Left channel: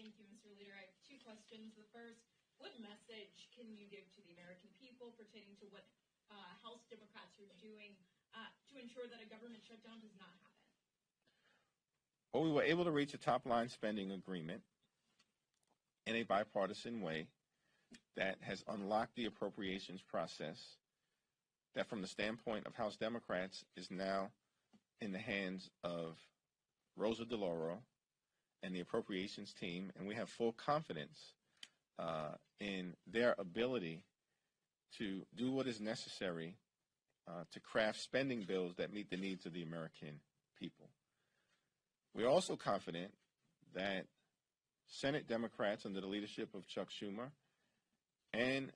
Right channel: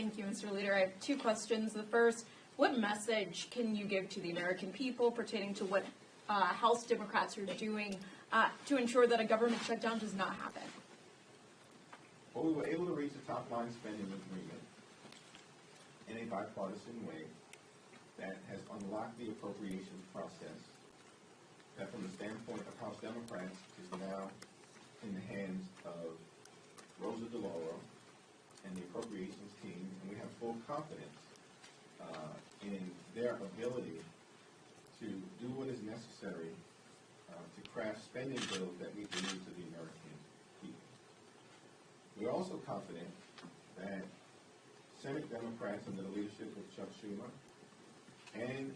Thank you, Mr. Leader. I have two questions. The first, what message can you give to the American people pertaining to what House Democrats are doing to ensure that a government shutdown does not happen? Well, we were able to reach a top-line spending agreement in a bipartisan way that has unlocked the appropriations process that, from the standpoint of House Democrats, is now in the hands of Rosa DeLauro and the appropriations team, and we have full confidence in their ability to do what is necessary to craft spending bills that meet the needs of the American people. We are also confident that Senate Democrats under the leadership of Chuck Schumer and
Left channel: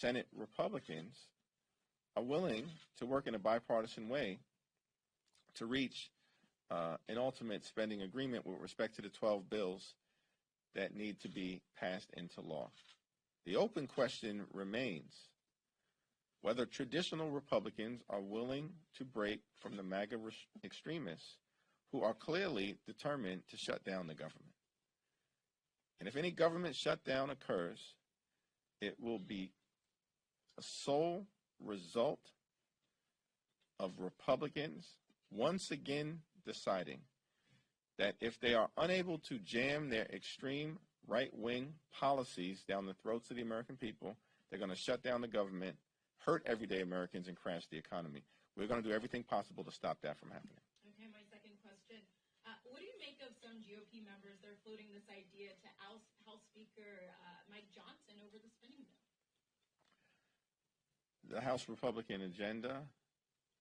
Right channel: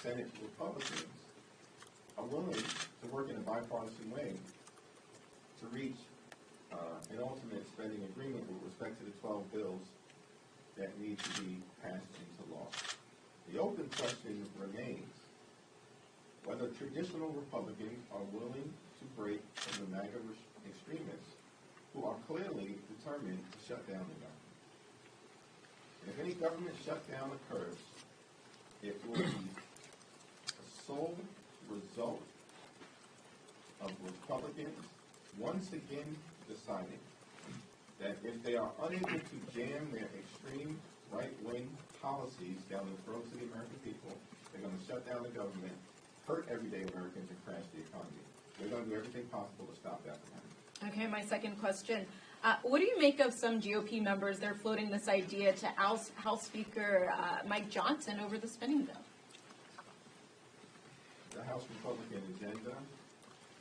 Senate Republicans are willing to work in a bipartisan way to reach an ultimate spending agreement with respect to the 12 bills that need to be passed into law. The open question remains whether traditional Republicans are willing to break from the MAGA extremists who are clearly determined to shut down the government. And if any government shutdown occurs, it will be a sole result of Republicans once again deciding that if they are unable to jam their extreme right-wing policies down the throats of the American people, they're going to shut down the government, hurt everyday Americans, and crash the economy. We're going to do everything possible to stop that from happening. Okay, my second question. What do you make of some GOP members? They're floating this idea to oust House Speaker Mike Johnson over the spending bill. The House Republican agenda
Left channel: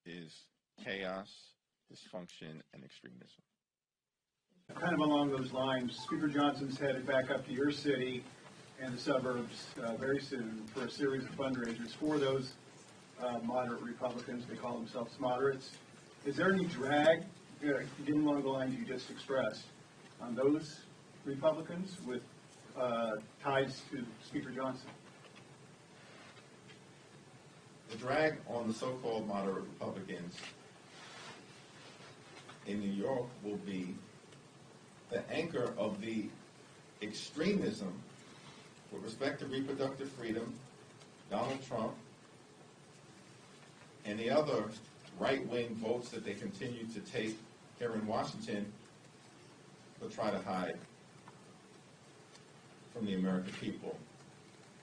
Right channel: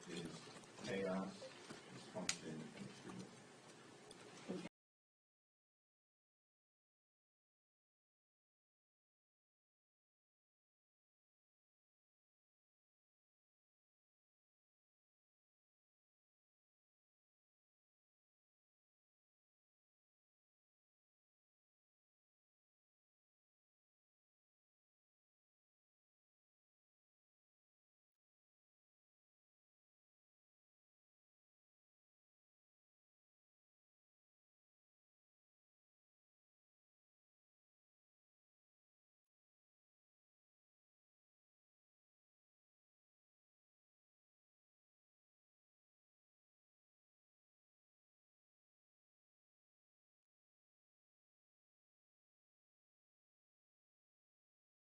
is chaos, dysfunction, and extremism. Kind of along those lines, Speaker Johnson's headed back up to your city and the suburbs very soon for a series of fundraisers for those moderate Republicans. They call themselves moderates. Is there any drag, given along the lines you just expressed, on those Republicans with ties to Speaker Johnson? The drag on the so-called moderate Republicans in New York will be the anchor of the extremism with respect to reproductive freedom, Donald Trump, and the other right-wing votes that they continue to take here in Washington but try to hide from the American people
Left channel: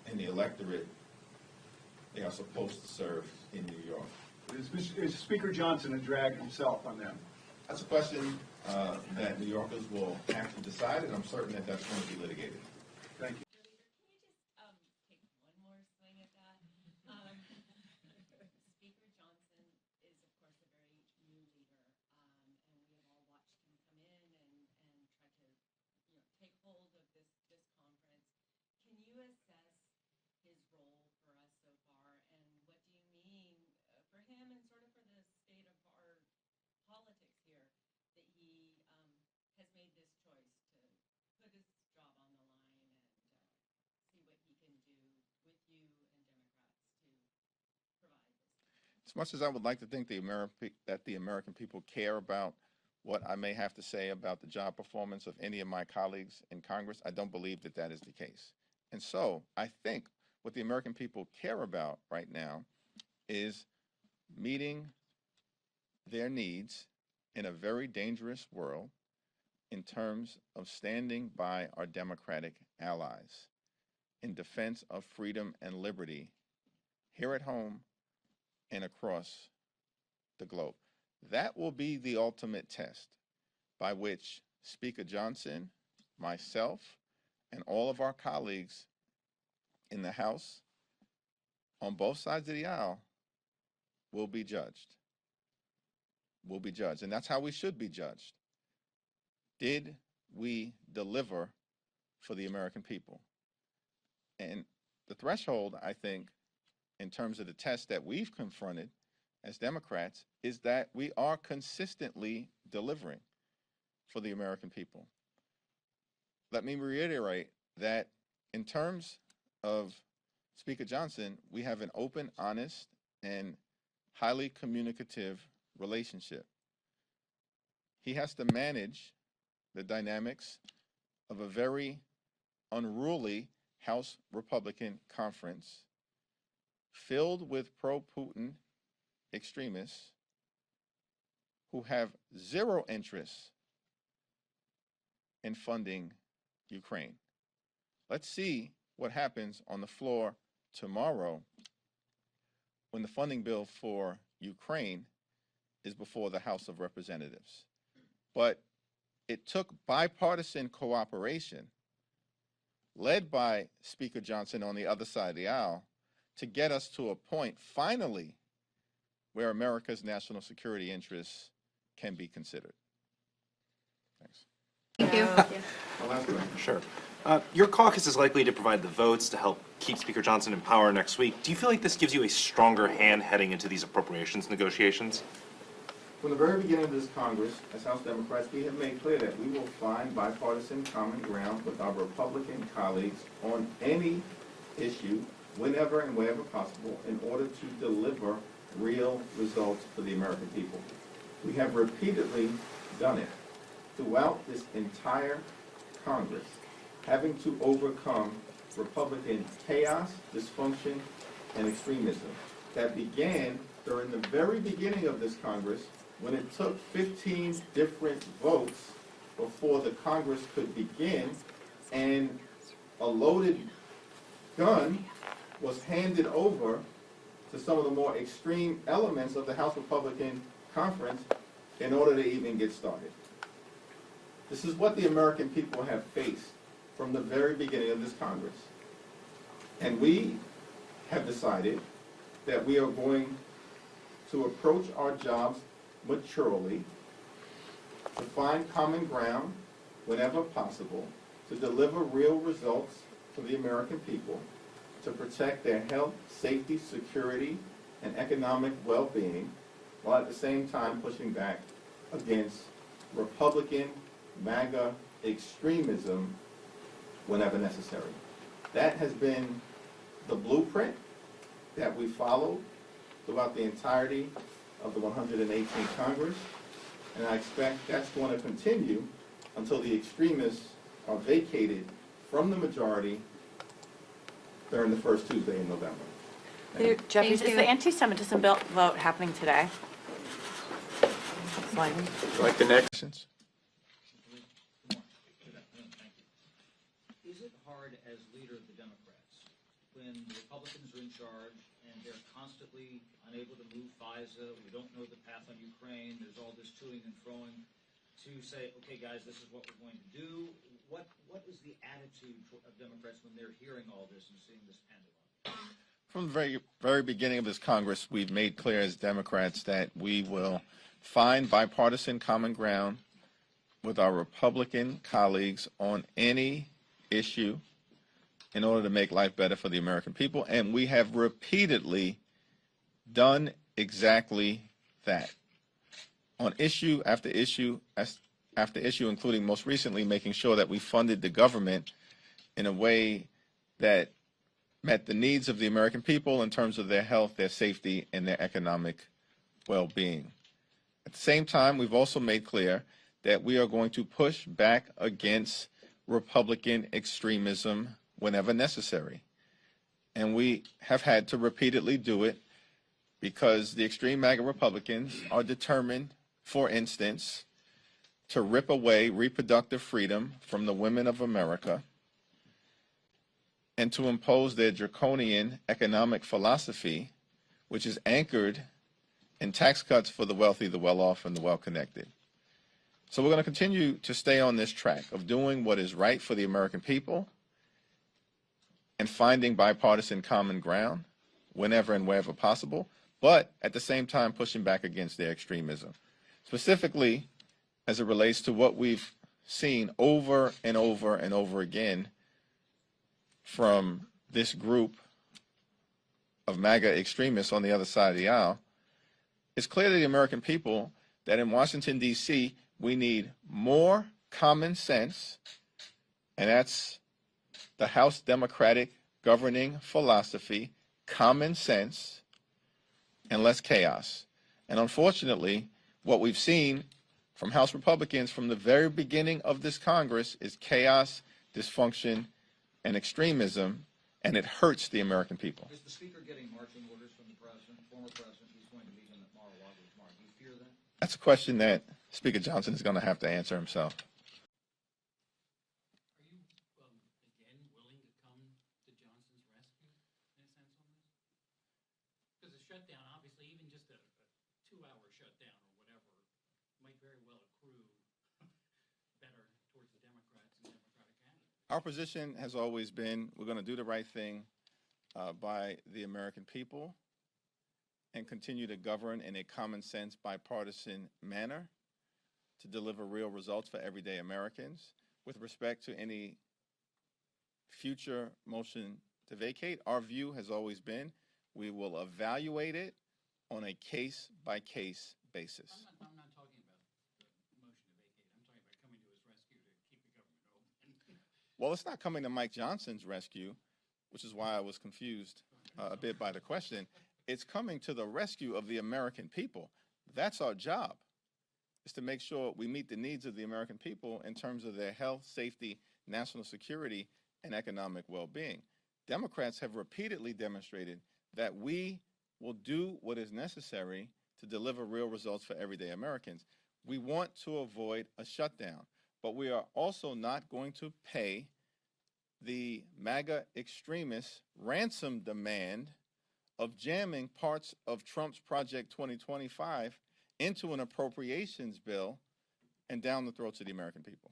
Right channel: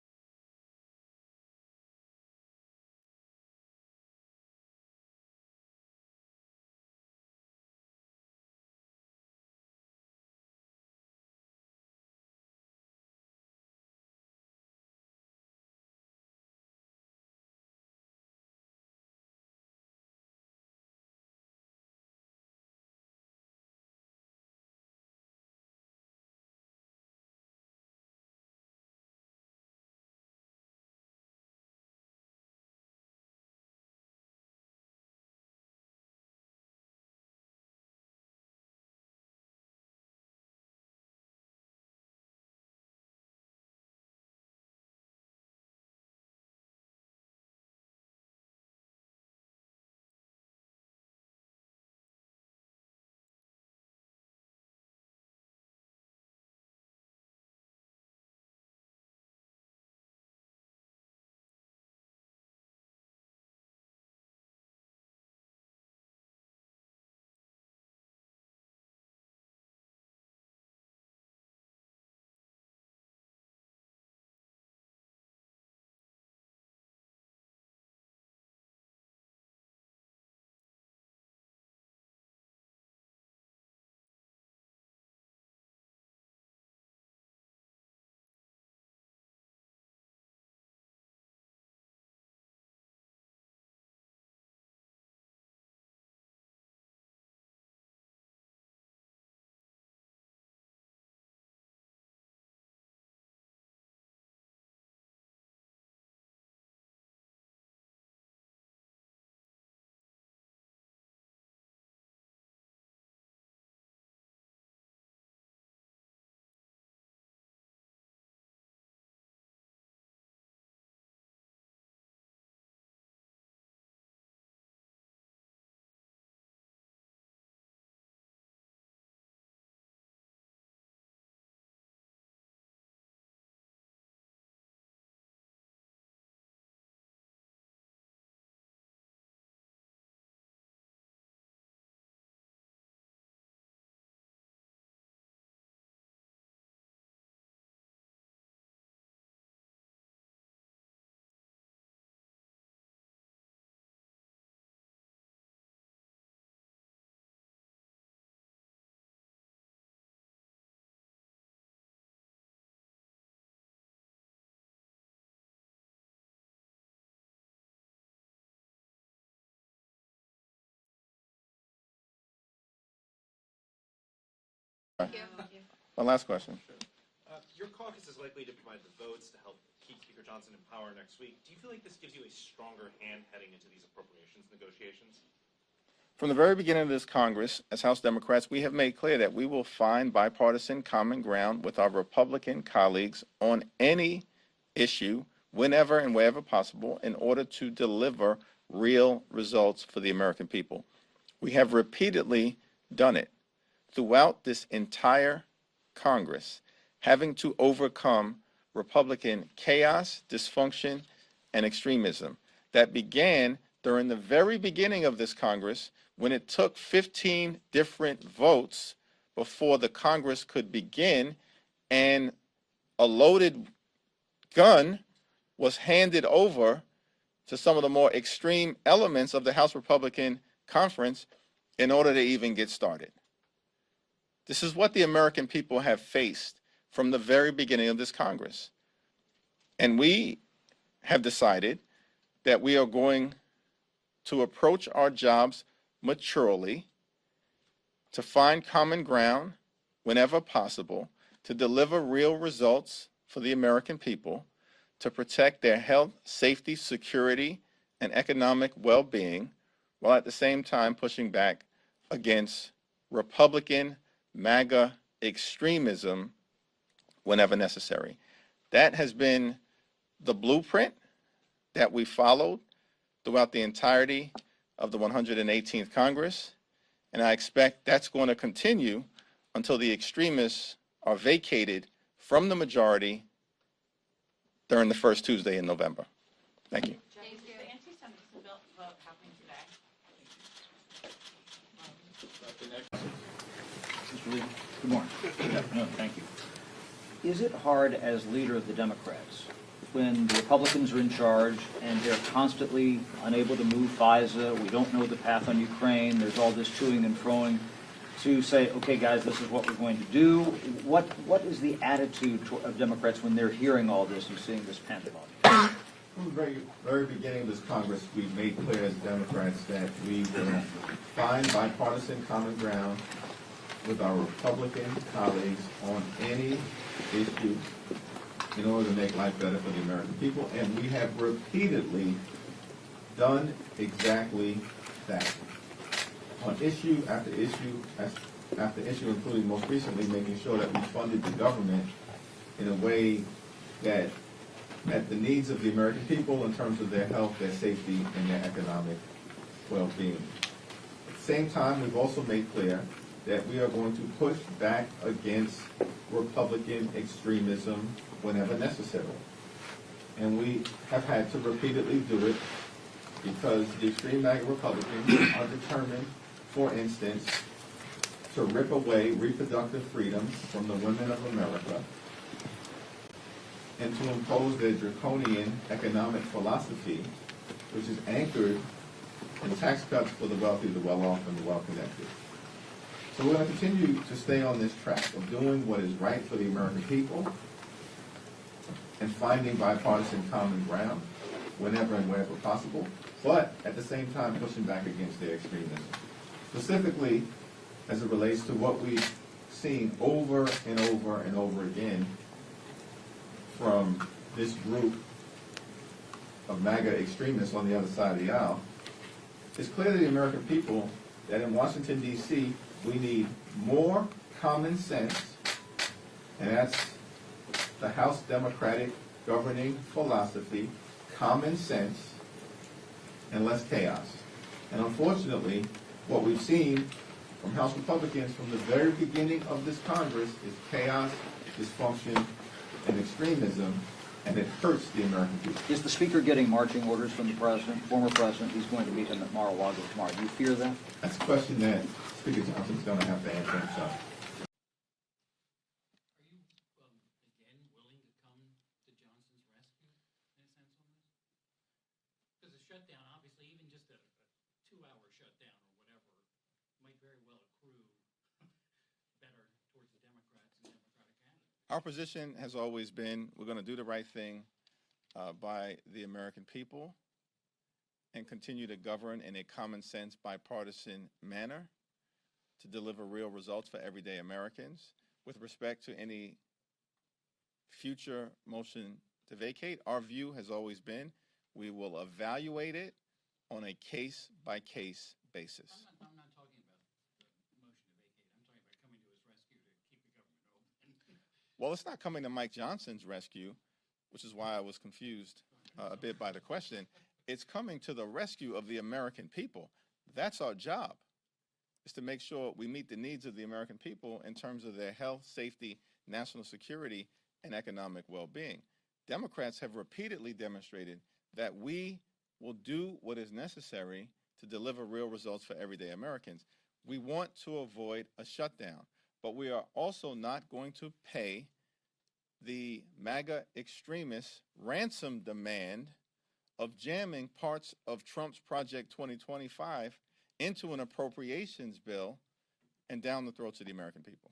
and the electorate they are supposed to serve in New York. Is Speaker Johnson a drag himself on them? That's a question that New Yorkers will have to decide, and I'm certain that that's going to be litigated. Thank you. Can you just take one more swing at that? Speaker Johnson is, of course, a very new leader, and we have all watched him come in and try to, take hold of this conference. Can you assess his role for us so far, and what do you mean for him and sort of for the state of our politics here that he has made this choice to put his job on the line and see what he can do with you and Democrats to provide this? As much as I would like to think that the American people care about what I may have to say about the job performance of any of my colleagues in Congress, I don't believe that that is the case. And so I think what the American people care about right now is meeting their needs in a very dangerous world in terms of standing by our Democratic allies in defense of freedom and liberty here at home and across the globe. That will be the ultimate test by which Speaker Johnson, myself, and all of our colleagues in the House on both sides of the aisle will be judged. Will be judged. And that's how we should be judged. Did we deliver for the American people? And the threshold, I think, in terms of the test that we've confronted as Democrats, is that we are consistently delivering for the American people. Let me reiterate that in terms of Speaker Johnson, we have an open, honest, and highly communicative relationship. He has to manage the dynamics of a very unruly House Republican conference filled with pro-Putin extremists who have zero interest in funding Ukraine. Let's see what happens on the floor tomorrow when the funding bill for Ukraine is before the House of Representatives. But it took bipartisan cooperation, led by Speaker Johnson on the other side of the aisle, to get us to a point, finally, where America's national security interests can be considered. Thanks. Thank you. One last question. Sure. Your caucus is likely to provide the votes to help keep Speaker Johnson in power next week. Do you feel like this gives you a stronger hand heading into these appropriations negotiations? From the very beginning of this Congress, as House Democrats, we have made clear that we will find bipartisan common ground with our Republican colleagues on any issue, whenever and wherever possible, in order to deliver real results for the American people. We have repeatedly done it throughout this entire Congress, having to overcome Republican chaos, dysfunction, and extremism that began during the very beginning of this Congress, when it took 15 different votes before the Congress could begin, and a loaded gun was handed over to some of the more extreme elements of the House Republican Conference in order to even get started. This is what the American people have faced from the very beginning of this Congress. And we have decided that we are going to approach our jobs maturely, to find common ground whenever possible, to deliver real results for the American people, to protect their health, safety, security, and economic well-being, while at the same time pushing back against Republican MAGA extremism whenever necessary. That has been the blueprint that we followed throughout the entirety of the 118th Congress, and I expect that's going to continue until the extremists are vacated from the majority during the first Tuesday in November. Thank you. Jeffries, is the anti-Semitism bill vote happening today? Like the next. Mr. Lee, good morning. Good afternoon, thank you. Is it hard as leader of the Democrats, when the Republicans are in charge and they're constantly unable to move FISA, we don't know the path on Ukraine, there's all this toing and froing, to say, okay guys, this is what we're going to do? What is the attitude of Democrats when they're hearing all this and seeing this pandemonium? From the very beginning of this Congress, we've made clear as Democrats that we will find bipartisan common ground with our Republican colleagues on any issue in order to make life better for the American people, and we have repeatedly done exactly that. On issue after issue after issue, including most recently making sure that we funded the government in a way that met the needs of the American people in terms of their health, their safety, and their economic well-being. At the same time, we've also made clear that we are going to push back against Republican extremism whenever necessary. And we have had to repeatedly do it because the extreme MAGA Republicans are determined, for instance, to rip away reproductive freedom from the women of America and to impose their draconian economic philosophy, which is anchored in tax cuts for the wealthy, the well-off, and the well-connected. So we're going to continue to stay on this track of doing what is right for the American people and finding bipartisan common ground whenever and wherever possible, but at the same time pushing back against their extremism. Specifically, as it relates to what we've seen over and over and over again from this group of MAGA extremists on the other side of the aisle, it's clear to the American people that in Washington, D.C., we need more common sense, and that's the House Democratic governing philosophy, common sense, and less chaos. And unfortunately, what we've seen from House Republicans from the very beginning of this Congress is chaos, dysfunction, and extremism, and it hurts the American people. Is the Speaker getting marching orders from the President, former President, who's going to meet him at Mar-a-Lago tomorrow? Do you fear that? That's a question that Speaker Johnson is going to have to answer himself. Are you, again, willing to come to Johnson's rescue, in a sense, on this? Because a shutdown, obviously, even just a 2-hour shutdown or whatever, might very well accrue better towards the Democrats and Democratic candidates. Our position has always been we're going to do the right thing by the American people and continue to govern in a common sense, bipartisan manner to deliver real results for everyday Americans. With respect to any future motion to vacate, our view has always been we will evaluate it on a case-by-case basis. I'm not talking about the motion to vacate. I'm talking about coming to his rescue to keep the government open. Well, it's not coming to Mike Johnson's rescue, which is why I was confused a bit by the question. It's coming to the rescue of the American people. That's our job, is to make sure we meet the needs of the American people in terms of their health, safety, national security, and economic well-being. Democrats have repeatedly demonstrated that we will do what is necessary to deliver real results for everyday Americans. We want to avoid a shutdown, but we are also not going to pay the MAGA extremists' ransom demand of jamming parts of Trump's Project 2025 into an appropriations bill and down the throats of the American people.